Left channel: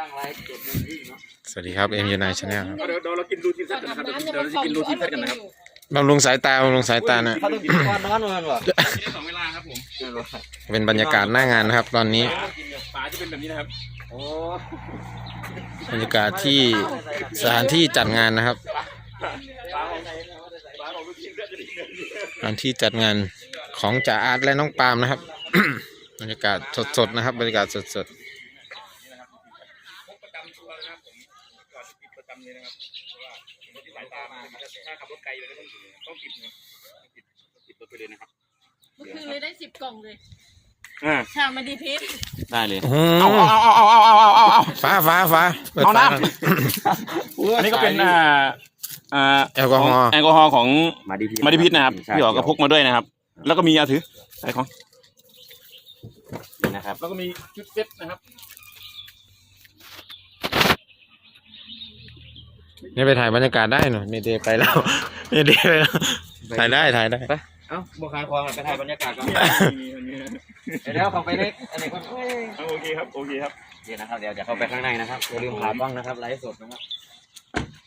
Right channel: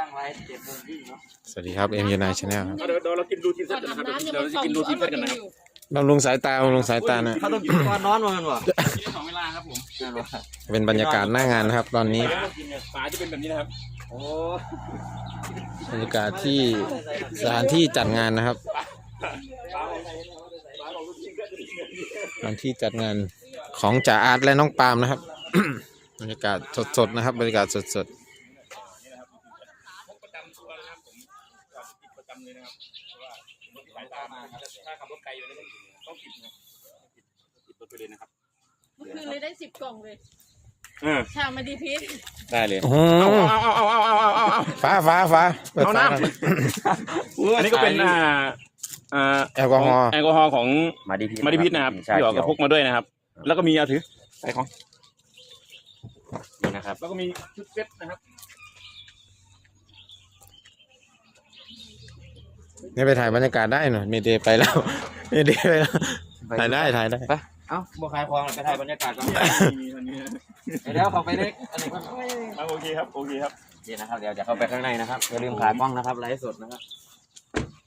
ตั้งไว้เจ็ดโมงที่เนาะสวัสดีครับเอ็มยูไนชาแนลครับเอาเดี๋ยวเดี๋ยวเรากินรูทีนเซตกันนะครับเดี๋ยวเดี๋ยวเราจะกินรูทีนเซตกันนะครับบำรุงสายตาบำรุงสายตานะเขาต้องกินก่อนนอนมันวะกินได้สองเวลาครับผมไม่รู้เป็นบรรยากาศหน้างานนะครับ ตอนนี้ฝาจะเป็นแบบนี้นะครับโอ้บรรยากาศที่สถานที่จัดงานนะครับฝาของฝาของรูทีนเซตจะเป็นแบบนี้สถานที่จัดงานของจ่าอาร์ตและน้องปาล์มนะครับ บรรยากาศสดๆนะครับ บรรยากาศสดพ ว่าผมที่สายตามาถ้าขับรถไกลเลยต้องต้องติดนะครับต้องติดต้องติดรถไปเลยนะครับเมื่อคืนเลยได้สิบกล่องเลยอ่าชาไม่ดีพิษได้เลยๆโอ้โหฟ้าฟ้าฟ้าเปิดฟ้าหน่อยอันนี้ก็เป็นอ่าอ่าแอลกอฮอล์แอลกอฮอล์ของมาดีพีมาดิพิษนะครับพี่อ๋อก็พกมาด้วยนะครับ แล้วก็มีเอาถืออะไรของนี่นะครับ แล้วก็มีชุดเซ็ตนะครับ นี่ไปถ่ายบรรยากาศได้หน่อยเมเดย์ไปแล้วเมเดย์ไปแล้วถ่ายได้ถ่ายได้ เอ้าบัวคายควางไปถ่ายบรรยากาศก่อนมีมันมีเดี๋ยวเขาไปได้อันนี้ก็อะโอเคครับโอเคครับเดี๋ยวนะครับเดี๋ยวเดี๋ยวเข้าไปข้างในนะครับอย่าลืมขากล้องนะครับไลฟ์สดนะครับ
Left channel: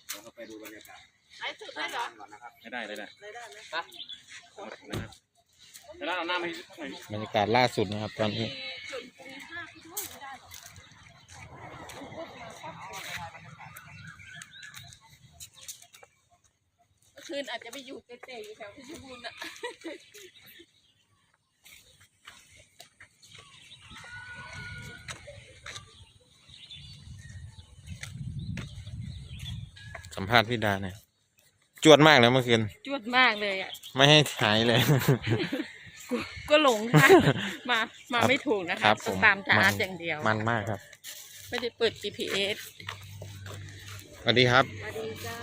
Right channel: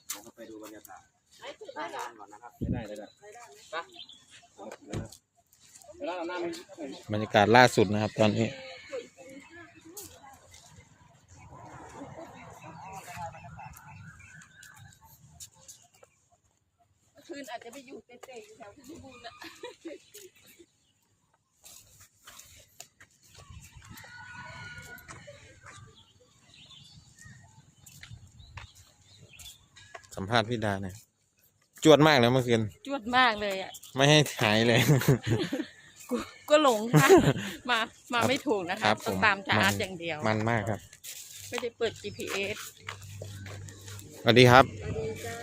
เดี๋ยวเข้าไปดูบรรยากาศไอ้สุดได้เหรอก่อนนะครับไม่ได้เลยนะแล้วเอาหน้ามาให้หน่อยบรรยากาศล่าสุดนะครับตอนนี้ เมื่อ คืนอาจจะไปอยู่เตะๆอยู่แถวเพชรบูรณ์อะสัมภาษณ์พี่ดาเนี่ยจวดมากเลยเมื่อคืน จวดมากเลยอะ ไม่ให้หายเลย กูก็หลงค่ะ มามาไม่ถูกนะครัคะบต้องผมตามจามัร์น ดอย่างเดียว มันมากครับไม่ได้เปิด GPS สวัสดีครับ สวัสดีเจ้า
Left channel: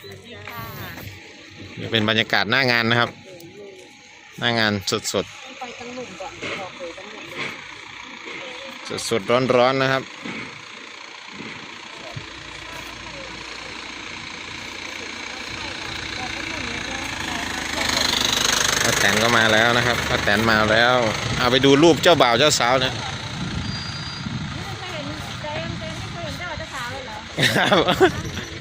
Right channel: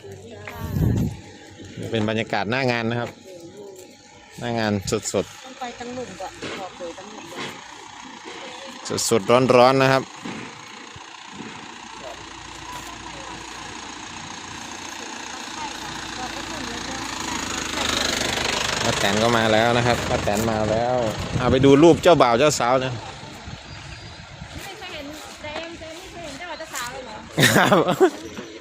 สวัสดีค่ะ นี่เป็นบรรยากาศหน้างานนะครับ หน้างานสดสดต้องไปตั้งหลุมก่อนบอกเลยตั้งหลุมก่อนสดสดร้อนร้อนๆนะครับ ป้าแตนก็มาแล้วนะครับป้าแตนมาแล้ว เอาไปดูรูปเจ้าบ่าวเจ้าสาวเนี่ยไม่เคยเห็นเจมส์เจมส์ไม่เคยเห็นเจ้าจะสาวเลยเหรอครับ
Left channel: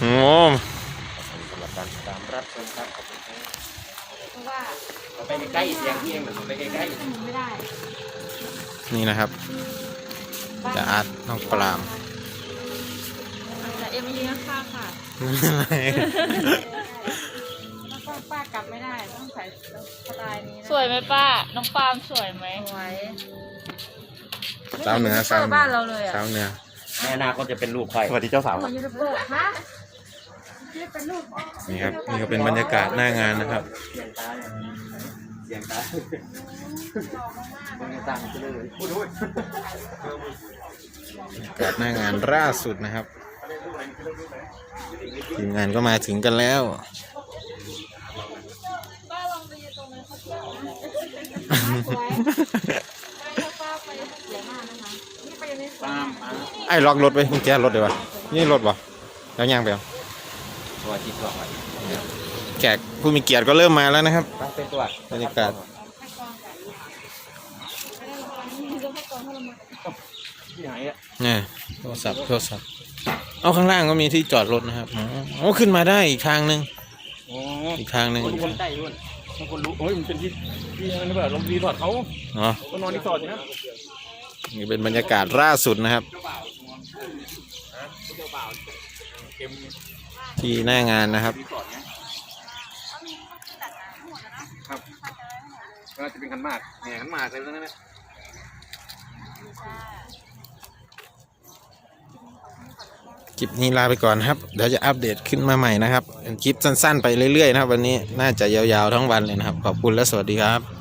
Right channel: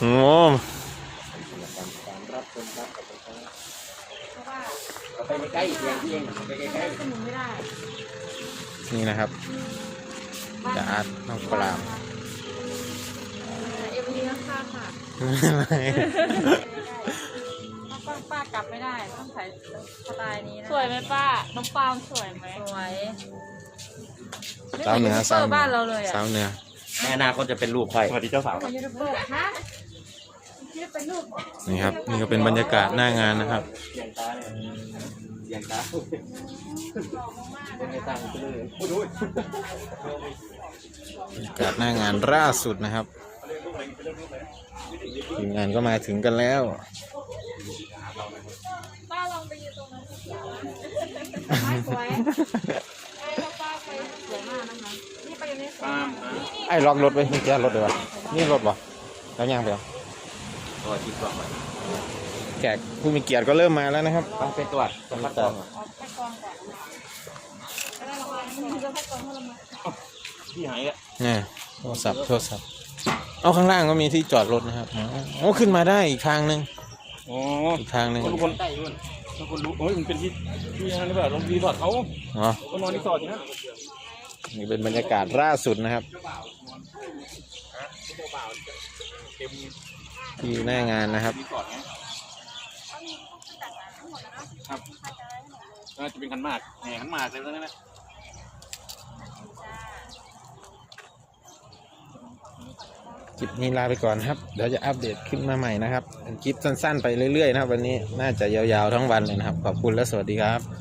โอ้ตามรับชมครับขอบคุณครับเพราะว่าไปใกล้ๆอย่างที่เองไปใกล้หนีไม่ได้นี่นะครับจะอาร์ตน้องปรามเอ็มยีข้างค่ะป้าป้ากลับไม่ได้ต้องใส่สไตล์นี้สวยไหมป้า น้องปาล์มสวยไหมสวยสาวเหนือสาวเหนืบ้าอนเราเลยอะสาวเหนือๆในอนาคตจะเป็นลูกใครสวัสดีเจ้าสาวเหมือนยูทูบเบอร์ฮะ นี่ครับ นี่ก็เป็นบรรยากาศหน้างานนะครับเสียงตายังไม่ตั้งเลยบรรยากาศหน้างานล่าสุดนะครับ ทีมงานก็มาถึงกันแล้วป้าลองไปยืนตรงนั้นสักทีสวยถ้าป้าไปสวยมากนะคะนี่ไปไม่สวยตามมาไอ้ล็อกรถไปกุญแจรถเลยวะนี่รถบ่แล้วย่างไปเอา ตัวที่สองแขกผู้มีเกียรติก็เริ่มมาแล้วนะครับมันเป็นตัวบรรยากาศเอาไปกองก่อนไปได้ประมาณนี้เดี๋ยวไปกองให้เรามาที่หายอะเนี่ยโทรศัพท์โทรศัพท์เอาข้างล่างก็มีที่จอดรถนะครับอ๋ออ๋อขึ้นมาได้อีกทางหนึ่งอ๋ออีกทางหนึ่งคนคนใต้ด้วยบางคนรู้โอ้ยมันเป็นที่ที่นั่นหรือเปล่าลงรีสอร์ทเขาอ๋อก็นอนรีสอร์ทอยู่นะนี่เป็นบรรยากาศล่าสุดนะครับ ที่หน้างานนะครับ ก็จะเป็นขันหมากแห่ขันหมากเลยแล้วนั่นแหละคลิปนี้ลาไปก่อนนะครับ เดี๋ยวจะอัปเดตขึ้นมาใหม่นะครับ เป็นคลิปสั้นๆ ไปเรื่อยๆนะครับ วันนี้น่าจะยาวๆทั้งวันเลยนะครับ ขอบคุณและสวัสดีครับ